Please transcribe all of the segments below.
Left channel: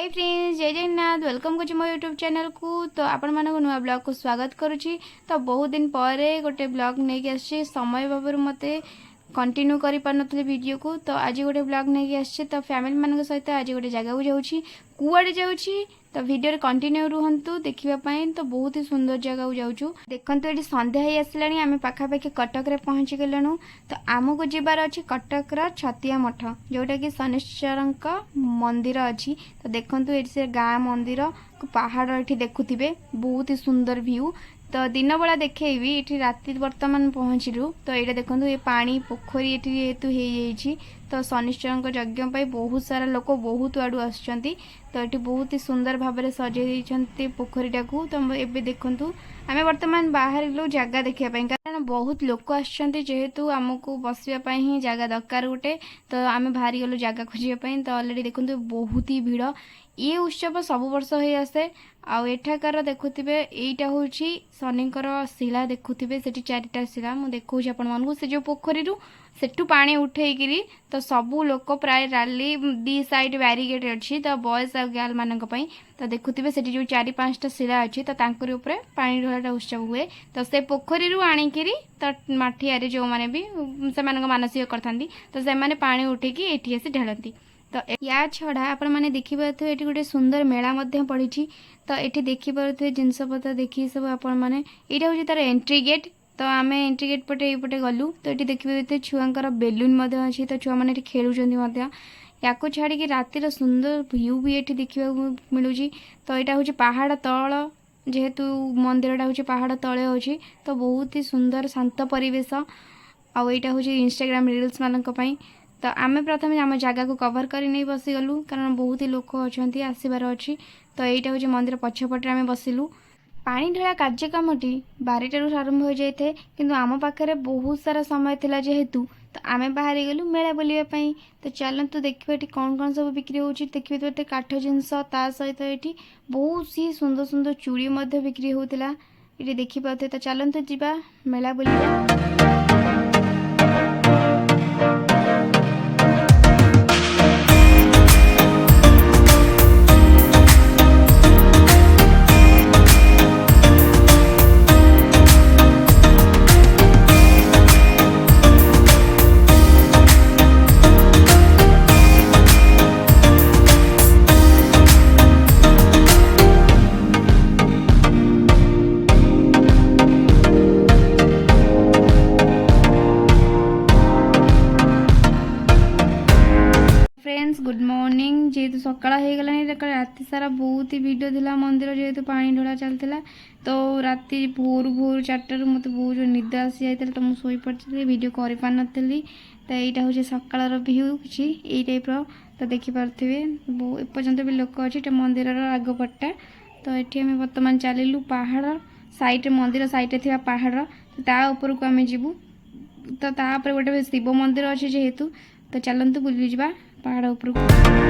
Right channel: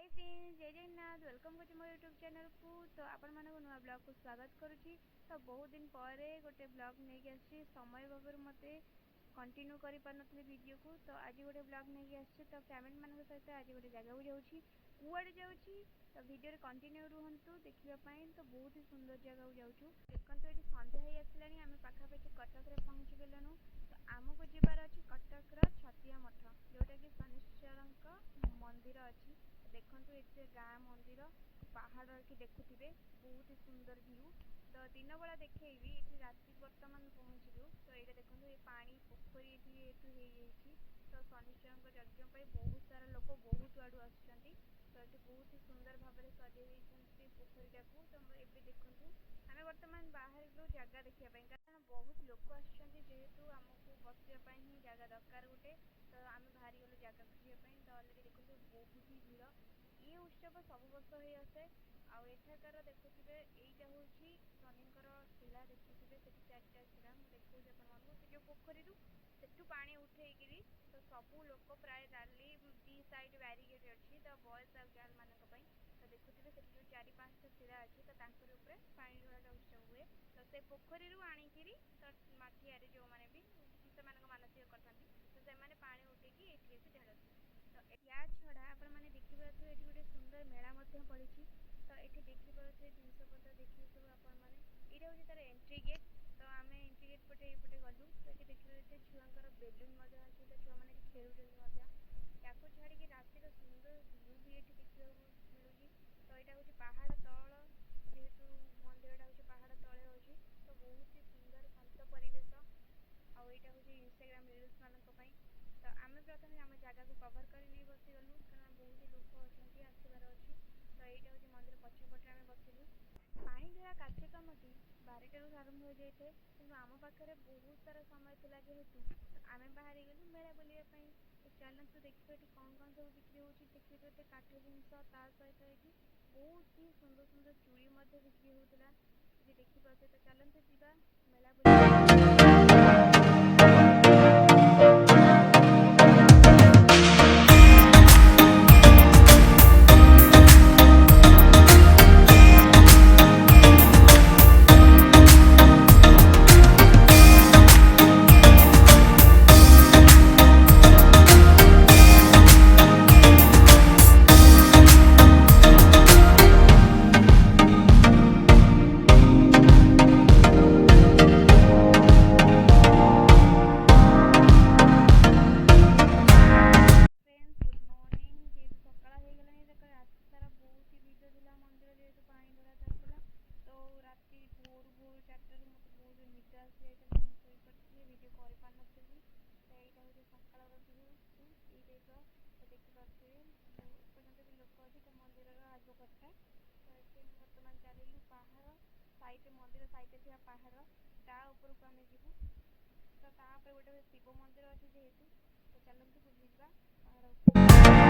Hi friends, जय Jagannath. Welcome कर मो यूट्यूब चैनल को। तो आपण मानक नुआ ब्लॉग को स्वागत करुच्ची। तो बहुत दिन पर गोटे ब्लॉग नहीं आसी समय बाबर मत कंटिन्यू कर पारे वीडियो को। तो आज गोटे ब्लॉग नहीं आसी। तो फैमिली मान सहित आज गोटे जगह को जाऊँगी, कुआड़े जाऊँगी। तो वीडियो कंटिन्यू रुहतु देखापी। तो बहुत ही सुंदर जगह को जाऊँ। देखो ये संध्या ही आसला, आम पाखापाखि कटक रे पहुँची गलु। तो आमको जीवार अच्छी कटकर छतिया मठ, जोटा कि शनिश्चर मंदिर अच्छी। तो देखो ये से गाँ मंदिर पहाड़ ये देखुवे, बहुत ही सुंदर व्यू। तो दिन बेला देखेबी ये राति बर्तमान पहुँचलु। तो ये देखो ये पानी पोखरी ये जेहेतु हो, तो शनिश्चर यज्ञ बहुत सारा लोक बहुत आड़ू आसुँच। तो ये बहुत ही सुंदर भाव में सजाई पोखरीटा को। तो ये देखु आम बर्तमान बाहर जगह देखापी, कारण बहुत लोक आसतु आमको बसवाई ही जगह दरकार गोटे। तो आम बाहरी गलु जगह खोजापी। तो अलरेडी देखो बहुत ही भिड़। ये उत्सव सब वर्ष हो आसे। आठाकार देखुवे यहीटा हूँ शनिकर शिला, देखुवे से चारिटा शिला मुझे देखा आपण मानू से जो पोखरी सेठू पानी उठेकरी। तो सबू लोक प्राय राली दी साइड बैरिकेड अच्छी। तो बॉयज आ गर्ल मानक पई। तो देखुवे से जो चारि पांचटा शिला अच्छी, तो तांकरी ऊपर पानी ढलाटा उत्सव हुए। तो से पोखरी आणिकी तो माठिया जो मैंने भी से मानसिक करथांती, तो से माने पानी उठेकी एठी आसी ढालती। तो या छड़ा आपण मैंने देखिपे ये गोटे सुंदर मेला पड़ी। तो ये देखिपे जिनपतर देखी सब आपण मैंने यहाँ हूँ तार एंट्री गेट। तो आम एंट्री गेट पटे ये गलु। तो ये देखिए छुआर बेलून अच्छी। तो छुआ मैंने खेलुंट या छाड़ी रातिर सुंदर व्यू भी ये देखा मिलूँ। तो यहाँ हूँ पहाड़ तल, जेहेतु मंदिरटा हूँ पहाड़ तले अच्छी। तो बहुत ही सुंदर शांत परिवेश। आईटा हूँ इंस्टाग्राम रील्स मानी। तो आम प्रथम आम जगह को कवर कर नहीं बसीगलु, कारण बहुत ही लोक अच्छा आसबार अच्छी। तो यहाँ हूँ मंदिर पछपटे आम बसिलु। पानी ढला कार्यक्रमटी 12टारू आरंभ हो जाए, किंतु आम पाखे बहुत सारा समय थिला जेहेतु। तो आम बाहरी गलु मेला बुलापी। तो चलतु देखिए ये कौन कौन सब बिक्री हो। देखिए तो ये काठ जिनस, ता सहित ये बहुत ही सुंदर सुंदर चूड़ी बिक्री होता ये देखिपे। तो चलतु जीवा मेला बुलिया। Good morning. जेहेतु सकाळ हो गला राति सारा बहुत ही भिड़ था मंदिर, जेहेतु पानी ढला चलता। तो राति भोर भोर 4टारू मत बहुत जो निद आसी जाता। तो मुझे पड़ी वीडियो कर पार नी। तो यहाँ हूँ सकाळ व्यू किसी ये टाइप। तो देखिपे एपर्तंत भी लोक अच्छे मंदिर आगपटा। तो ये आम बर्तमान चलू पहाड़ साइड मंदिर साइड थी पहाड़। तो तापर को आम जीवु। तो तापर गोटे शिव मंदिर अच्छे जेहेतु। तो चलतु बुली जा पहाड़ ऊपर।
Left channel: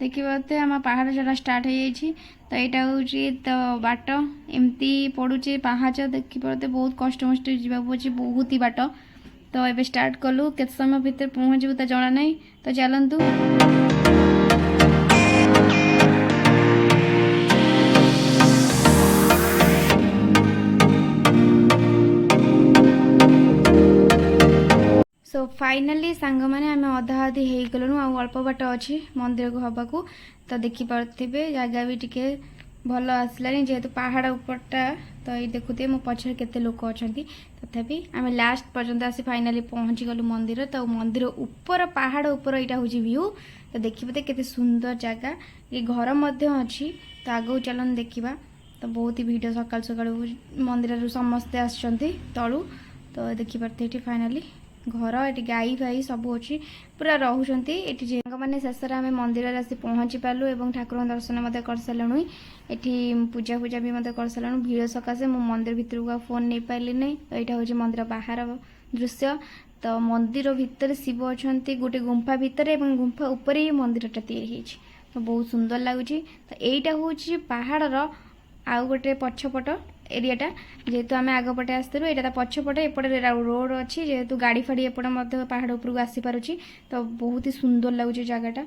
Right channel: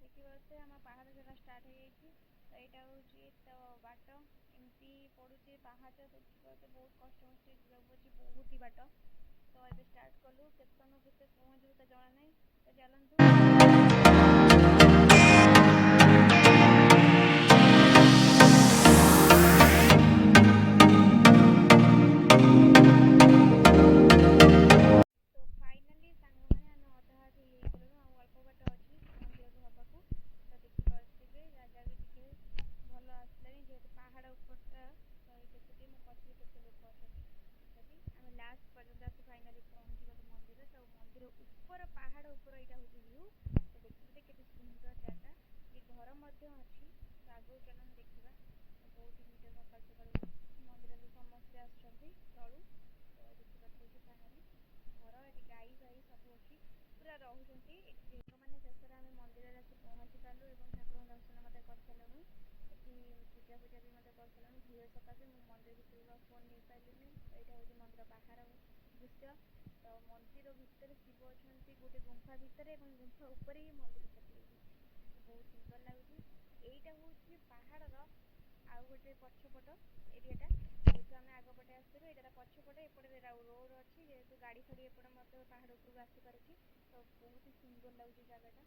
देखिए आम पहाड़ चढ़ा स्टार्ट हो जाए। तो यहाँ हूँ तो बाट एमती पड़ुचे पाहाच देखिए बहुत कष्ट मस्ट जावाक बहुत ही बाट। तो ये स्टार्ट कलु के समय भितर पहुँचू तो जना ना। तो चलतु। फाइनाली सांग मैंने आम अधा अधी हो गलुँ अल्प बाट अच्छी मंदिर को हवा को तो देखिपे जगह भी टिके भल आसलानी जेहेतु पहाड़ उपरटा तो ये देखुए मो पछे केते लोक अच्छा तथापि आम लास्ट पर्यंत आसी फाइनाली पहुँची गलु मंदिर तो मंदिर ऊपर पहाड़ ऊपर यहाँ हूँ व्यू तो देखिए केते सुंदर जगह ये घर मध्य अच्छी तो आगू चलन देखा तो बहुत ही भिड़ सकाल सकाल मंदिर समस्ते आसछंती तलू तो देखिपारे ये फाइनाली घर ये गाई फाई सब अच्छी पूरा रोचंती ये मैंने शेष आम मंदिर आसी पहुँची पार्लु और ठाकुर दर्शन कर सारूँ ये पूजा पूजा भी कर सारूँ भिड़ सकाशे मु मंदिर भितर को फोन नहीं पाइली नहीं तो यहाँ हूँ मंदिर बाहर दृश्य तो मंदिर भितर शिव अच्छा गोटे गुंफा भितर गुंफा उपर ही मंदिरटा तैयारी तो बहुत सुंदर लगुच तो यहाँ हूँ पहाड़र आउ गोटे पछपट एरियाटा जेहेतु आम आगपटे आसलु यहाँ पछपटे एपटे रोड अच्छी जेहेतु गाड़ी फाड़ी एपटे पहाड़ उपरको आसीपारुची तो बहुत ही सुंदर लगुच जगहटा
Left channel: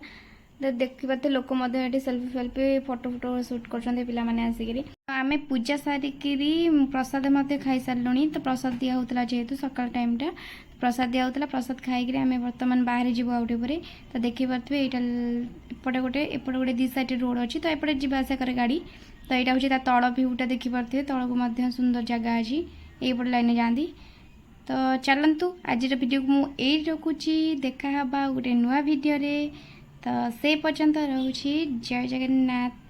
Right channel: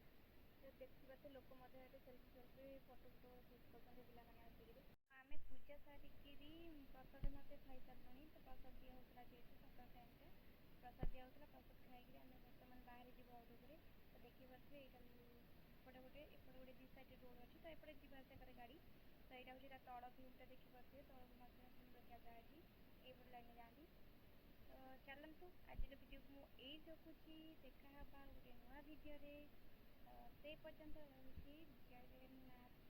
तो देखिए लोक सेल्फी फेल्फी फोटो फोटो सुट कर आसिक आम पूजा सारिकी प्रसाद खाई सारूँ तो प्रसाद दिया होता जेहेतु सकाल टाइमटा प्रसाद दिया होता प्रसाद खाई आम बर्तमान बाहर जीव आउटे पर तो देखिपे यहाँ एपटे गोटे दी साइड रोड अच्छी तो एपटे जावास करे गाड़ी तो यहाँ हूँ तल भ्यूटा देखिपे तल को सुंदर जगह अच्छी यहीपट लाइन जाती तो चलतु आज वीडियो को मुझे रखुची देखा गोटे नुआ वीडियो रे तो से पर्यंत रोची जय जगन्नाथ।